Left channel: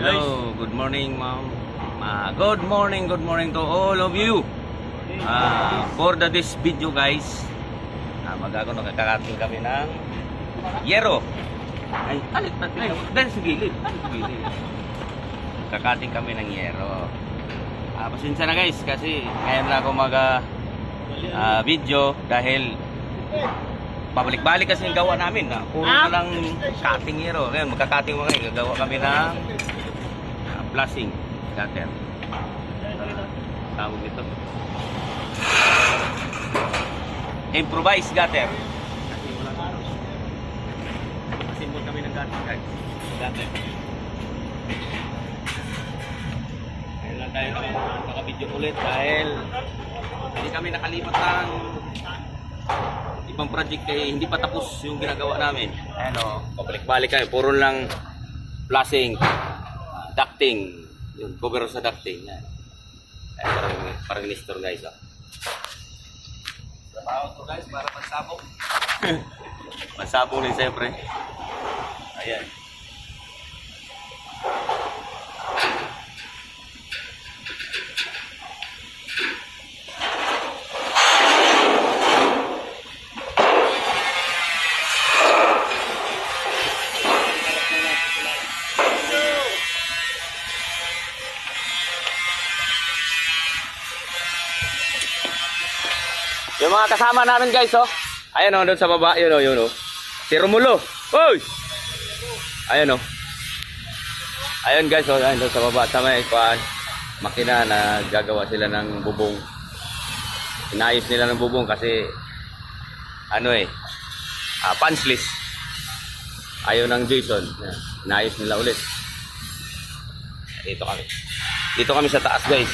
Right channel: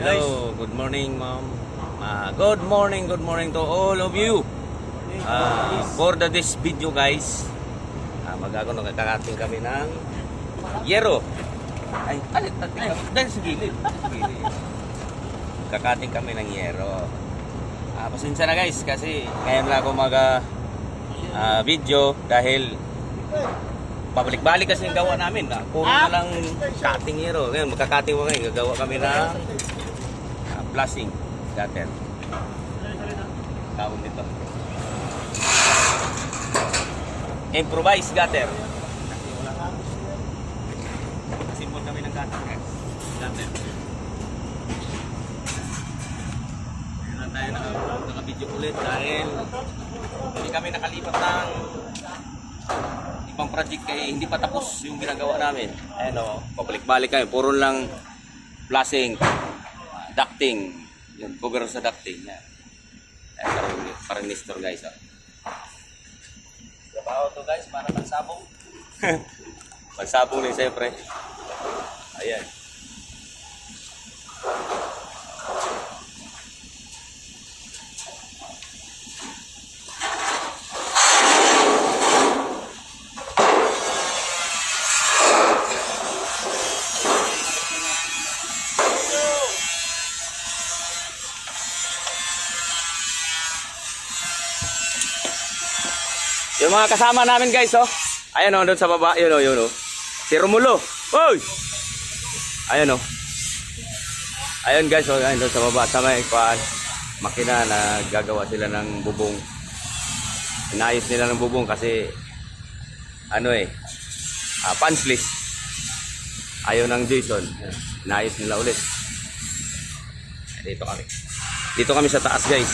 Hello, good morning ma'am. Good morning to all of you. For this video guys, magkakating kami ng yero. Ay, dahil sa gilid. Kakating kami ng yero. Pasensya na guys kasi ngayon lang ako video dahil pabalik-balik kasi yung gawa namin na puro na lang cutting yero. Ngayon magka-cutting mo ngayon, gawa kami ng blasting gutter. Tawag nito improvised gutter. Simbol kami ng gutter guys. Gutter. Ngayon lang tayo naka-video ulit dahil hindi kami nakalipat ng ibang project kaya hindi pa tapos yung ginagawa namin. Ayan o, pabalik-balik kami. Puro lang flashing, ducting. Yun, cover sa ducting. Yan. Ayan, parang nestor guys. Oh. Trabaho to guys para pagsabong. Pagsabong rin siyempre. Ayan. Yung mga kasama namin guys, oh. Ayan oh, doon sa baba, yun oh. Si Romulo. Oy! Ayan oh. Ayun guys, oh, ayun doon sa baba sa may makina na gagawa sila ng bubong. Inayos nila ng bubong kasi punch ayaw ng Jason. Inayos nila ulit. Dito kami sa taas guys.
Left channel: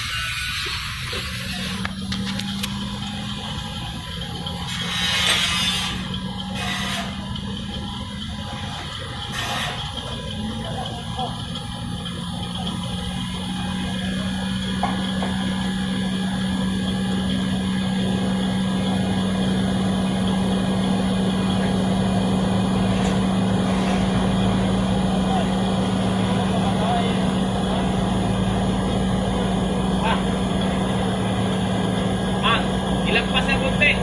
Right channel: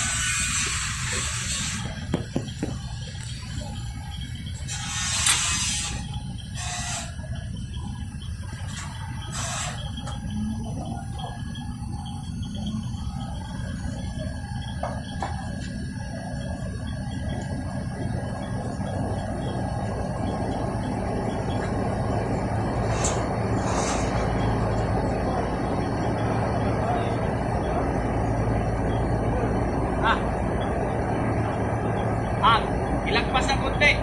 Ilagpas na konti.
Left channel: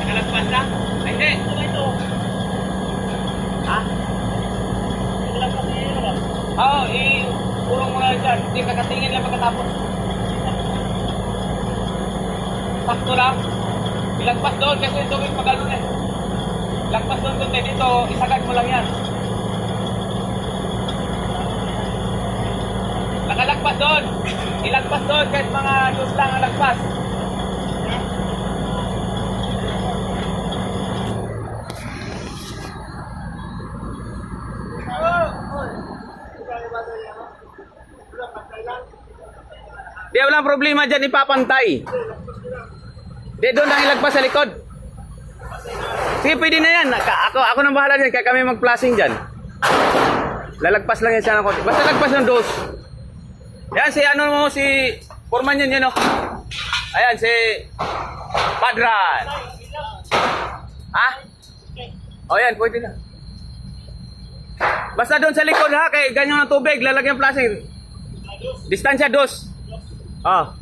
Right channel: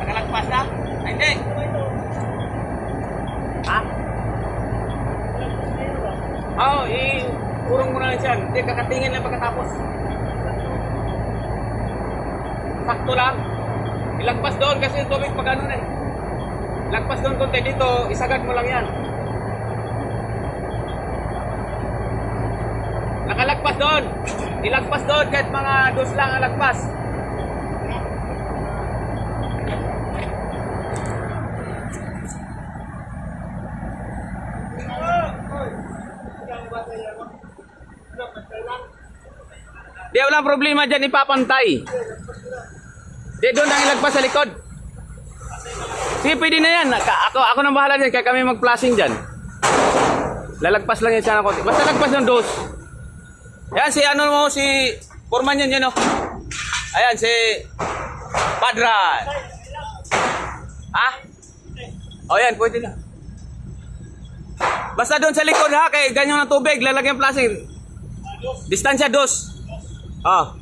Nakalagpas na? Ay, hindi. Ha? Ilagpas na yun ba? Oo, purong mo na dyan. Hindi, kakatingin lang pagkatapos. Sakto lang. Ilagpas doon kasi yung tubig pag ano na eh. Ilagpas doon konti dito, isagad mo lang yan. Nakalagpas doon. Ilagpas doon kahit mga dos lang ang lagpas. Di walang problema dyan, ipapantay. Di doon ang ilagpas sa likod. Sige, pwede na yan. Ako nang bahala dyan, kaya kami mag-flashing dyan. Lalagpas lang yan siya ng konti. Basta lagpas ng dos. Yan si si Foreman yun oh. Ayan si Padran. Ha? O yan, pwede na. Basta doon sa likod ha, kay ganyan ng tubig, lalagyan plastic. Distansya dos. Ah.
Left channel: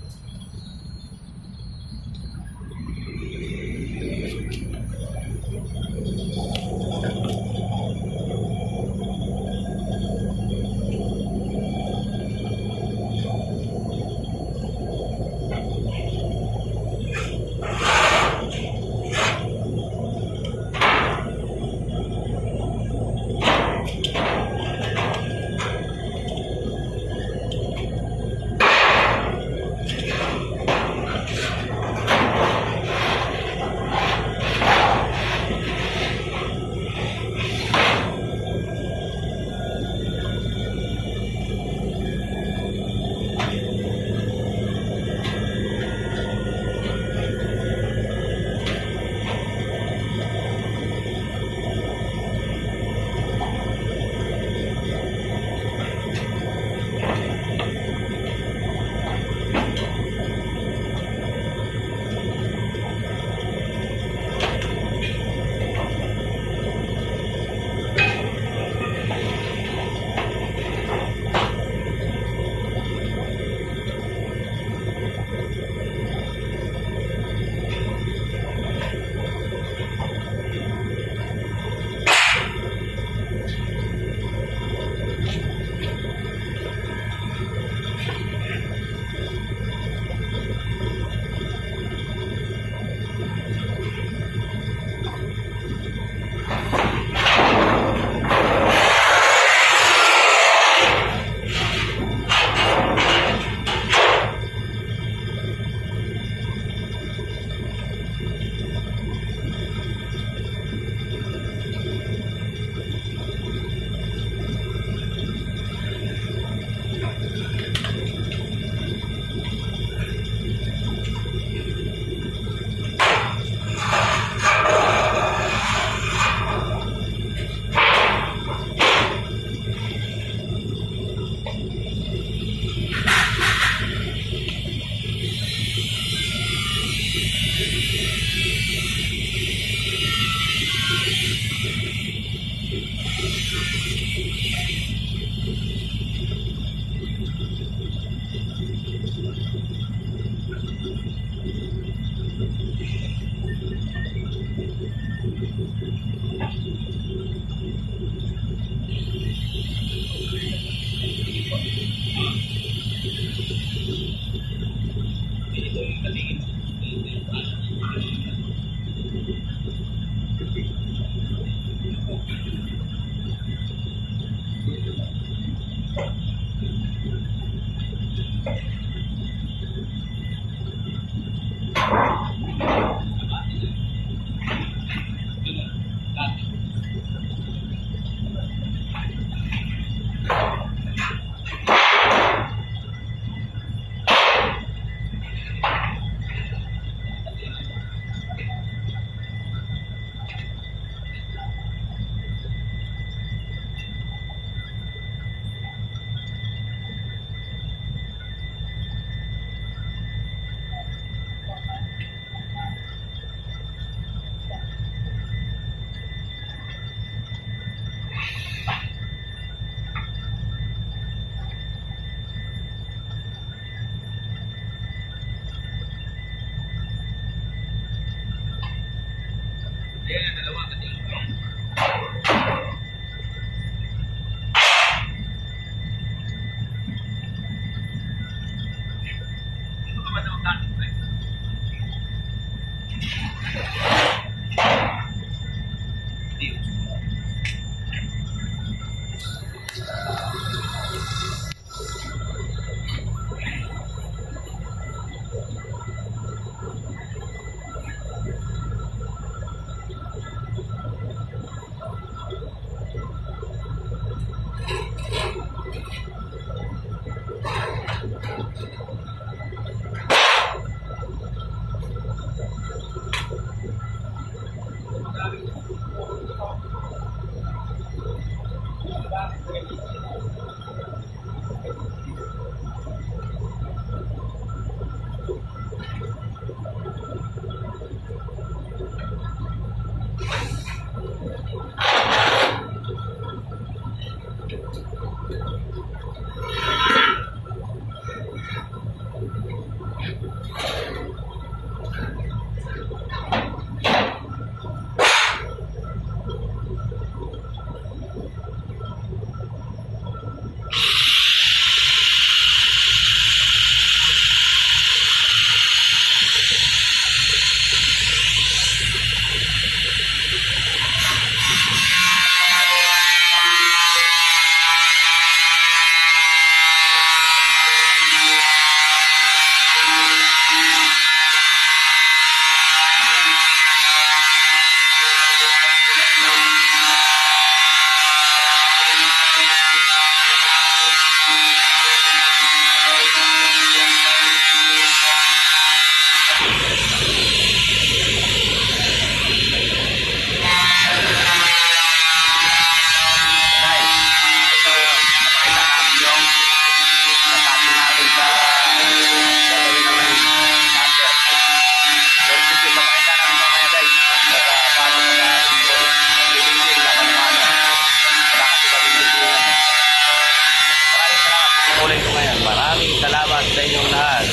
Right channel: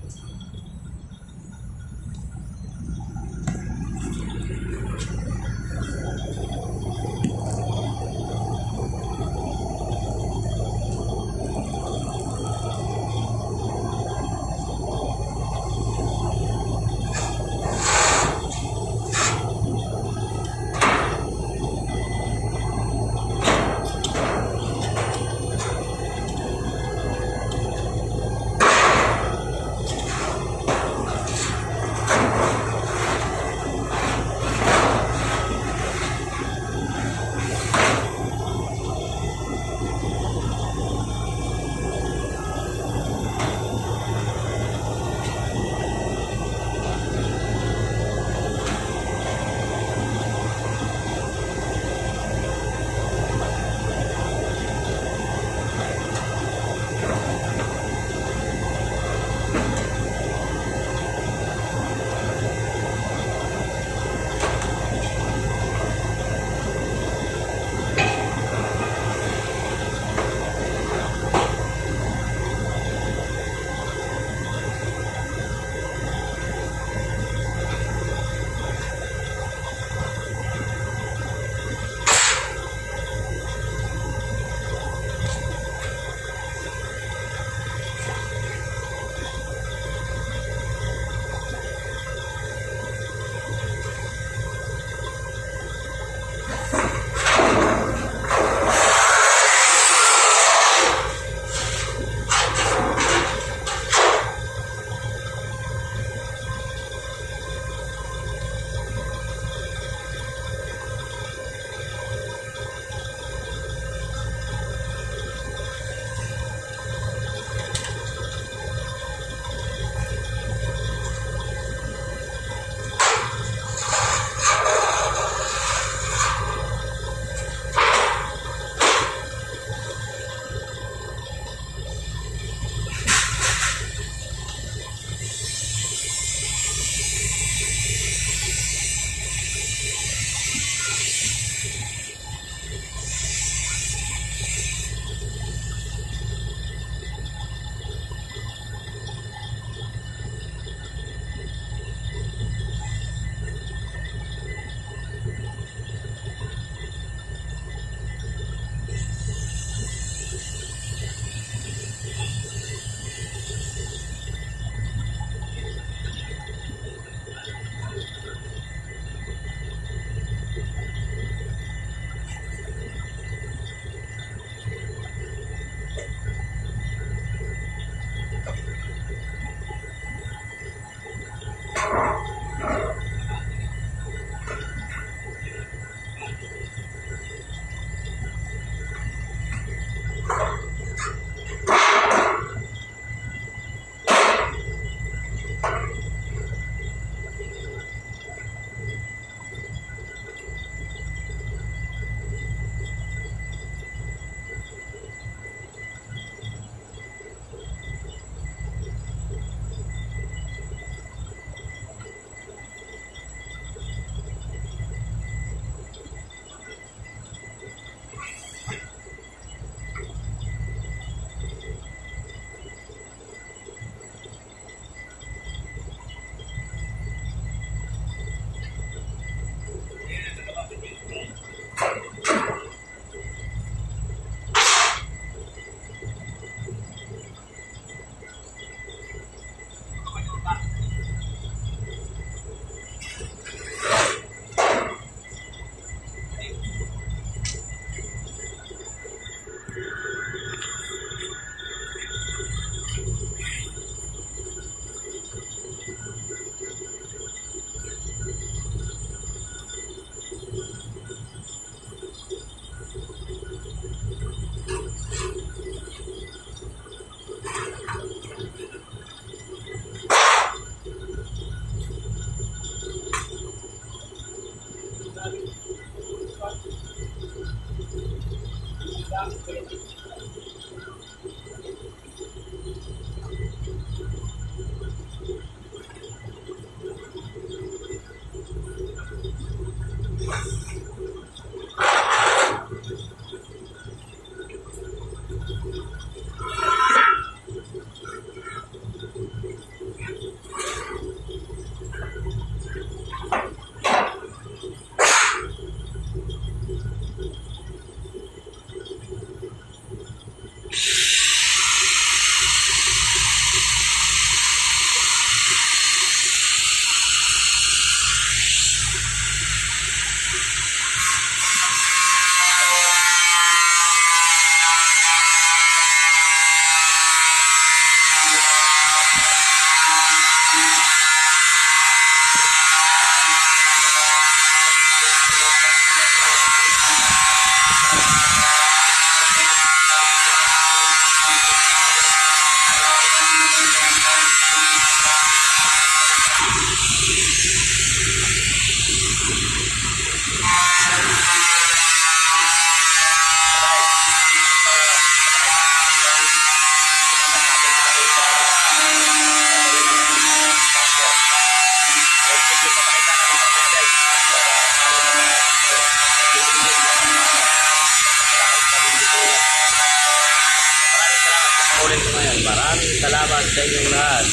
Maraming salamat sa inyong lahat.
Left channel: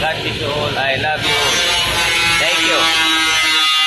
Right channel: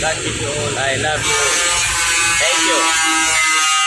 God bless you all. I love you all. Thank you.